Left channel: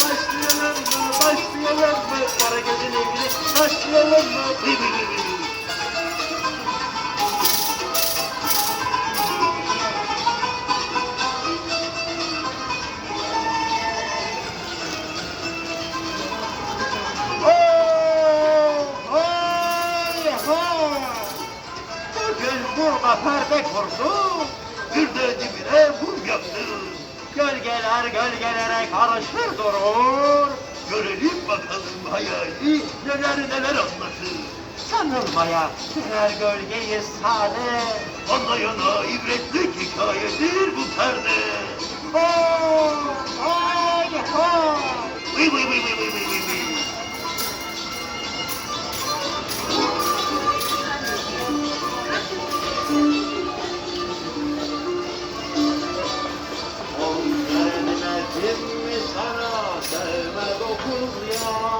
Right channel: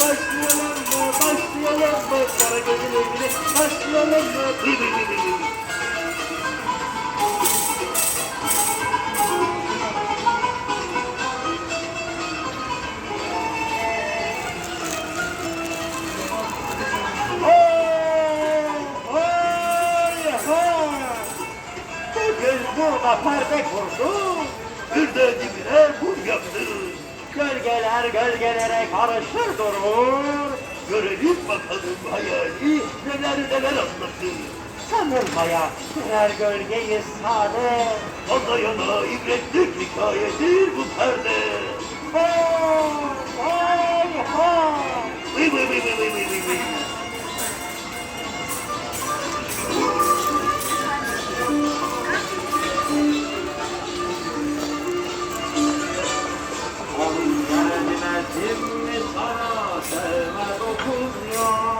başlayalım mı, başlayalım mı? Kara gözün evine başlayalım mı? Vıy vıy. Oh, hay, hay. Bugün perde kurdu, bir de dibine buz yaptı. Gölgeler gölgelere karışır durur. Görelim bakalım hayali neler neler anlatır. Sanılmaya birer gölgeyi sade. Anlayana ibretlik hikayedir bu perde. Oh, hay, hay. Vıy vıy vıy vıy vıy vıy vıy vıy.